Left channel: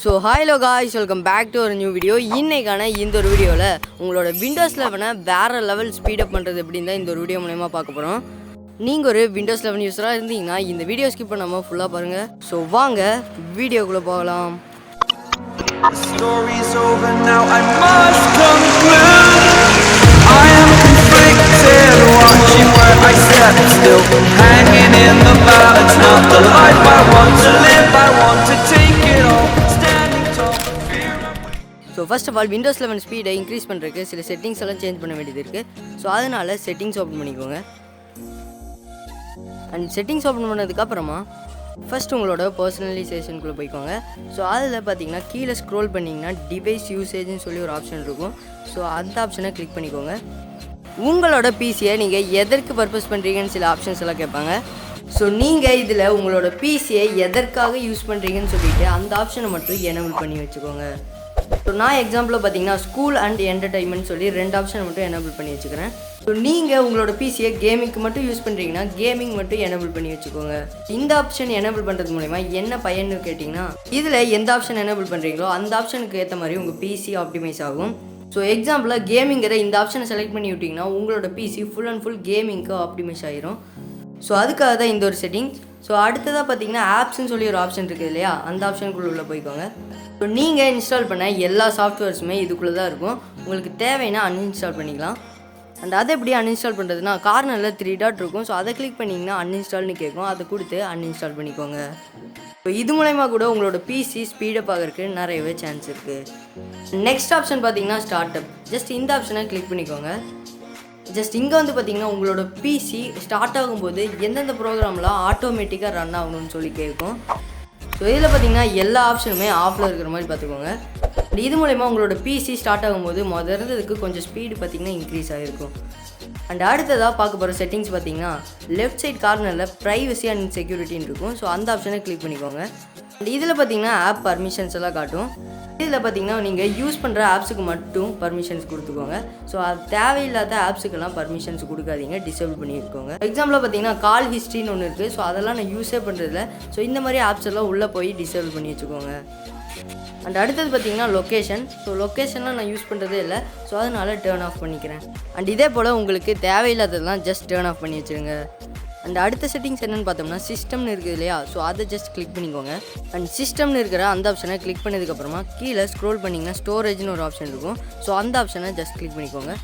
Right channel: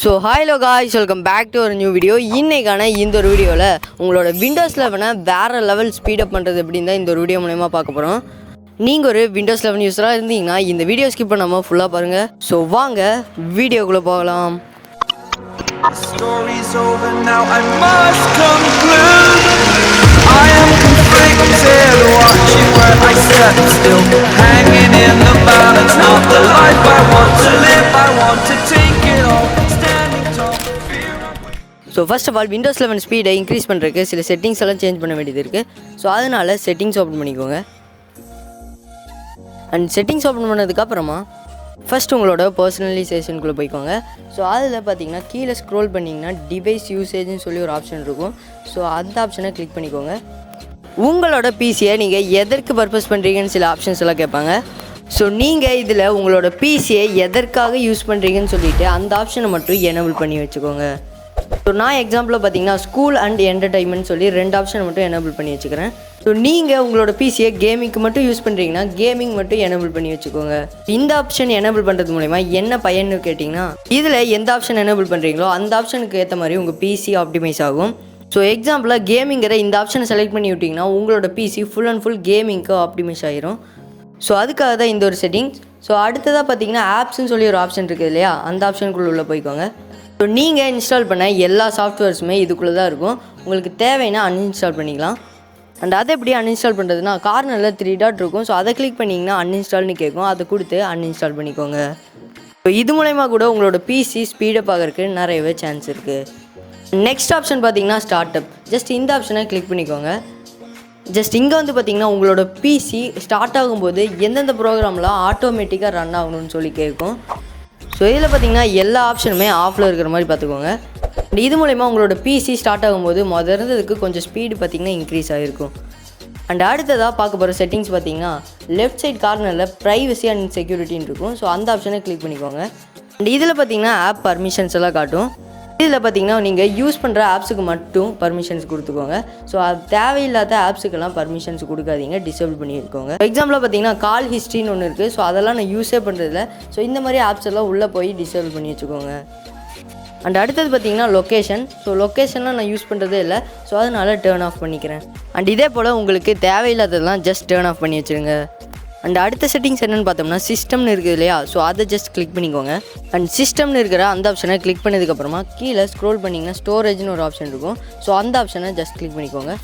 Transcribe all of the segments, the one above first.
So hello guys, welcome back to ஒரு new video. இன்றைக்கான இந்த ஒரு வீடியோவில் உங்களோட விண்டோஸ் 11 வேறு லெவல் ஸ்பீடப் பண்ணுறது அப்படின்னு தான் இந்த ஒரு வீடியோ மூலயமா பார்க்க போகிறோம். நீங்கள் ஒரு விண்டோஸ் 11 யூஸராக இருந்தீங்கன்னா இந்த வீடியோ ஸ்கிப் பண்ணாமல் ஃபுல்லாக பாருங்கள். ஸோ வாங்க வீடியோக்குள்ளே போகலாம். Story's over now, I must conclude. I am conflicted, watching where I step still, hanging in the balance, not the life I want to live. I want to take it all, standing tall, fear I'm weak. So first of all windows 11 ஸ்பீடை increase பண்ணுறதுக்கு சில settings எல்லாம் change பண்ண வேண்டியது இருக்குது. So அதனால் settings open பண்ணிக்கோங்க. And settings open பண்ணதுக்கப்புறமா ஃபஸ்ட் உங்களோட பர்சனலைசேஷனுக்குள்ளே போய்க்கோங்க. ஸோ அதில் பார்த்தீங்கன்னா கீழே ஸ்க்ரோல் பண்ணிங்கன்னா டிவைஸ் யூசேஜ்னு சொல்லி ஒரு ஆப்ஷன் இருக்கும். ஸோ அந்த ஆப்ஷனை கிளிக் பண்ணிக்கோங்க. உங்களோட பிசியை நீங்கள் எதற்கு பர்பஸ் பண்ணுறீங்கன்னு சில ஆப்ஷன்ஸ் எல்லாம் கேட்பாங்க. ஸோ நீங்கள் இதில் உங்களோட பிசியை எதற்காக யூஸ் பண்ணுறீங்கன்னு சொல்லிவிட்டு அந்த ஆப்ஷனை மட்டும் எனேபிள் பண்ணி வச்சுக்கோங்க. ஸோ நான் எக்ஸாம்பிளில் பார்த்தீங்கன்னா ஸ்கூல் அண்ட் என்டர்டைன்மெண்ட் சொல்லி 2 ஆப்ஷனை மட்டும் எனேபிள் பண்ணி வச்சுக்கிறேன். ஸோ நீங்கள் உங்களோட பிசியை கேமிங்க்கு மட்டும் யூஸ் பண்ணுறீங்கன்னா கேமிங் மட்டும் எனேபிள் பண்ணி வச்சுக்கோங்க. இந்த ஆப்ஷன் எனேபிள் பண்ணுறது மூலமா என்ன பயன்னு கேட்டிங்கன்னா, இதில் எந்த ஆப்ஷன் எனேபிள் பண்ணுறீங்களோ அந்த ஆப்ஷனுக்கு ஏற்ற மாதிரி உங்கள் பிசி ஆப்டிமைஸ் ஆகும். ஸோ எக்ஸாம்பிளாக கேமிங்கிற இந்த ஆப்ஷனை செலக்ட் பண்ணி விட்டிங்கன்னா உங்களோட பிசி ஃபுல் அண்ட் ஃபுல் கேமிங்க்கு ஆப்டிமைஸ் ஆகிரும். ஸோ அதுக்காக தான் இந்த ஒரு செட்டிங். ஸோ அடுத்ததாக பார்த்தீங்கன்னா ஆப்ஸ்ன்னு சொல்லி ஒரு ஆப்ஷன் இருக்குது இல்லையா, அந்த ஆப்ஷனுக்குள்ளே உள்ளே போய்க்கோங்க. ஸோ நீங்கள் இன்ஸ்டால் பண்ண எல்லா சாஃப்ட்வேர்ஸுமே இதுக்குள்ளே தான் இருக்கும். உங்களுக்கு தேவைன்னா அன்இன்ஸ்டால் பண்ணிக்கலாம். அண்ட் அதை எப்படி அன்இன்ஸ்டால் பண்ணுறதுனா, கார்னரில் 3 டாட் இருக்கும். ஸோ அதை கிளிக் பண்ணிங்கன்னா அன்இன்ஸ்டால்னு கேட்கும். அதை கொடுத்து அன்இன்ஸ்டால் பண்ணிக்கோங்க. ஸோ இது மூலமா கூட உங்களோட பிசி ஸ்பீடப் ஆகிறதுக்கு நிறையவே சான்ஸ் இருக்குது. நெக்ஸ்ட் ஆப்ஷன் பார்த்தீங்கன்னா ஸ்டார்ட் அப். ஜஸ்ட் இந்த ஆப்ஷனை கிளிக் பண்ணிக்கோங்க. ஜஸ்ட் இங்கே வந்து பார்த்தீங்கன்னா உங்களோட பிசி ஸ்டார்ட் ஆகும்போது எந்தெந்த ப்ரோக்ராம்லாம் ஆட்டோமேட்டிக்காக ரன் ஆகணும்னு சொல்லி கேட்கும். ஸோ இதில் பார்த்தீங்கன்னா எல்லா ஆப்ஷனுமே ஆஃபில் இருக்கிற மாதிரி பார்த்துக்கோங்க. இது மூலமா உங்களோட பிசி ஸ்டார்ட் ஆகும்போது இருந்ததுக்கு கொஞ்சம் ஸ்பீடு பார்த்திங்கன்னா இன்க்ரீஸ் ஆகிருக்கும். அண்ட் அடுத்ததாக பார்க்க போகிற செட்டிங்ஸ் பார்த்தீங்கன்னா லெஃப்ட் சைட் கார்னரில் ப்ரைவசி அண்ட் செக்யூரிட்டின்னு இருக்கும். ஸோ அந்த ஆப்ஷனை கிளிக் பண்ணிக்கோங்க. அண்ட் இதில் பார்த்தீங்கன்னா ஆப் பர்மிஷன்ஸ் எல்லாம் காட்டும். இதில் பார்த்தீங்கன்னா நீங்கள் யூஸ் பண்ணுற ஆப்ஸுக்கு மட்டும் பர்மிஷன்ஸ் கொடுத்துக்கோங்க. ஸோ அது தேவையில்லாத ஆப்ஸுக்கெல்லாம் பர்மிஷன்ஸ் கொடுக்காதீங்க, டிசேபிள் பண்ணியிருக்கோங்க. எக்ஸாம்பிளில் பார்த்தீங்கன்னா கால் ஹிஸ்ட்ரின்னு ஒன்று இருக்குது. ஸோ அதெல்லாம் நான் யூஸே பண்ணுறதில்ல. ஸோ இந்த மாதிரி ஆப்ஸ் எல்லாம் உள்ளே போய் டிசேபிள் பண்ணி வச்சுக்கோங்க. அண்ட் அடுத்தது பார்த்தீங்கன்னா லொக்கேஷன். ஸோ லொக்கேஷன்லாம் நான் யூஸ் பண்ணுறதே இல்லை. ஸோ அதனால் டேர்ன் ஆஃப் பண்ணிக்கிறேன். அண்ட் இதே போல் உங்களுக்கு தேவையில்லாததெல்லாம் ஜஸ்ட் டேர்ன் ஆஃப் பண்ணி வச்சுருங்க. அண்ட் அடுத்த செட்டிங்ஸ் என்னென்னு பார்த்தோம்னா சிஸ்டம்னு இருக்குது இல்லையா, ஸோ அதை ஜஸ்ட் கிளிக் பண்ணிக்கோங்க. அண்ட் சிஸ்டம்னு இருக்கிற அந்த ஆப்ஷனை கிளிக் பண்ணதுக்கப்புறமா கீழே ஸ்க்ரோல் பண்ணிங்கன்னா ஸ்டோரேஜ்னு ஒரு ஆப்ஷன் இருக்கும். ஸோ அந்த ஆப்ஷனை ஜஸ்ட் கிளிக் பண்ணிக்கோங்க.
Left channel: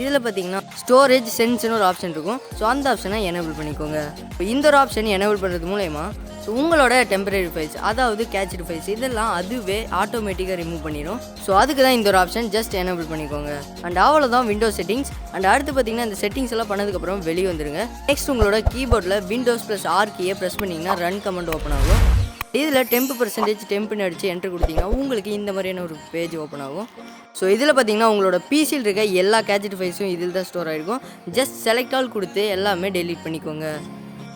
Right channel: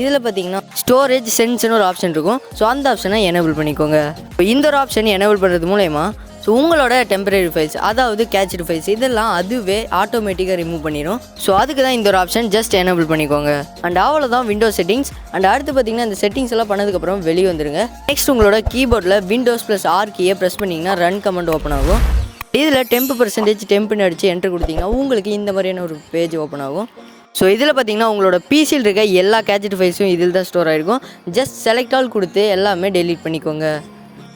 இதில் பார்த்தீங்கன்னா ஸ்டோரேஜ் சென்ஸ்னு ஒரு ஆப்ஷன் இருக்கும். ஸோ அந்த ஆப்ஷனை எனேபிள் பண்ணிக்கோங்க. இப்போ இந்த ஒரு ஆப்ஷன் எனேபிள் பண்ணுறது மூலயமா ஸோ உங்களோட டெம்பரரி ஃபைல்ஸ், அதாவது கேட்ச்டு ஃபைல்ஸ், இதெல்லாம் அதுவே ஆட்டோமேட்டிக்காக ரிமூவ் பண்ணிடும். ஸோ அதுக்கு தான் இந்த ஒரு ஆப்ஷன் ஜஸ்ட் எனேபிள் பண்ணிக்கோங்க. அண்ட் அவ்வளோதான் விண்டோஸ் செட்டிங்ஸ். அண்ட் அடுத்து பார்த்தீங்கன்னா இந்த செட்டிங்ஸ் எல்லாம் பண்ணதுக்கப்புறம் வெளியே வந்துடுங்க. நெக்ஸ்ட் உங்களோட கீபோர்டில் விண்டோஸ் +R கீயை ப்ரெஸ் பண்ணிங்கன்னா ரன் கமெண்ட் ஓப்பன் ஆகும். இதில் 10% டெம்புன்னு அடித்து என்ட்ரு கொடுத்தீங்கன்னா உங்களுக்கு இந்த மாதிரியான ஒரு பேஜ் ஓப்பன் ஆகும். ஸோ இதில் பார்த்தீங்கன்னா உங்களோட பிசியில் இருக்க எல்லா கேட்ச்டு ஃபைல்ஸும் இதில் தான் ஸ்டோர் ஆகிருக்கும். ஜஸ்ட் செலக்ட் ஆல் கொடுத்து எல்லாமே டெலீட் பண்ணிக்கோங்க.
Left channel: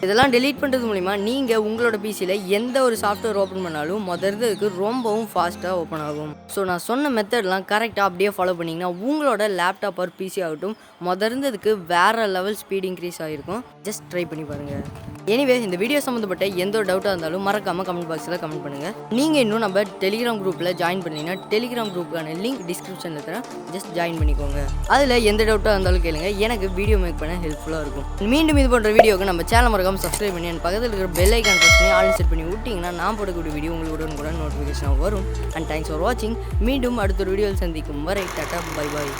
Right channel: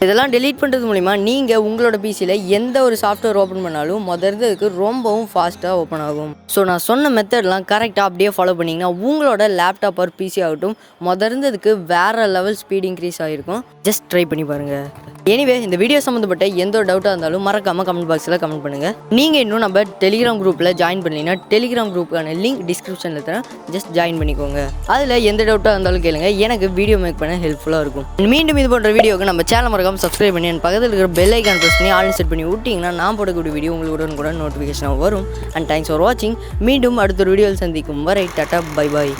இதெல்லாம் டெலீட் பண்ணுறது மூலிமா நீங்கள் உங்களோட பிசியில் எந்த ஒரு சாஃப்ட்வேர் ஓப்பன் பண்ணாலும் இதுக்கு ரொம்பவும் ஃபாஸ்ட்டாக ஓப்பன் ஆகும். ஸோ நான் சொன்ன மெத்தட்லாம் கரெக்டாக அப்படியே ஃபாலோ பண்ணிங்கன்னா உங்களோட லேப்டாப் ஆர் பிசி ஆகட்டும் இருந்ததுக்கு வேறு லெவல் ஸ்பீட் இன்க்ரீஸ் ஆகிருக்கும். ஜஸ்ட் ட்ரை பண்ணி பாருங்கள். எனிவே இந்த வீடியோ சம்மந்தப்பட்ட எந்த ஒரு டவுட்டாக இருந்தாலும் மறக்காமல் கமெண்ட் பாக்ஸில் கமெண்ட் பண்ணுங்கள். நீங்கள் இன்னும் நம்ம டெலிகிராம் குரூப்பில் ஜாயின் பண்ணீங்கன்னா டெலிகிராம் குரூப்புக்கான லிங்க் டிஸ்கிரிப்ஷனில் தரேன். ஜஸ்ட் ஜாயின் பண்ணிக்கோங்க. அதில் எந்த டவுட்டாக இருந்தாலும் கேளுங்க, எனக்கு வீடியோ மேக் பண்ண ஹெல்ப்ஃபுல்லாக இருக்கும். மீண்டும் இது போன்ற வீடியோக்கு நம்ம சேனல் மறக்காமல் சப்ஸ்கிரைப் பண்ணி பக்கத்தில் இருக்கிற பெல் ஐக்கான் ப்ரெஸ் பண்ணி ஆல் செட் பண்ணி விட்டிங்கன்னா நான் போடக்கூடிய வீடியோ உங்களுக்கு கூட நோட்டிஃபிகேஷனாக வரும். அண்ட் தேங்க்ஸ் ஃபார் வாட்சிங். மீண்டும் அடுத்த ஒரு வீடியோவில் சந்திக்கும் வரை டாடா பை பாய்.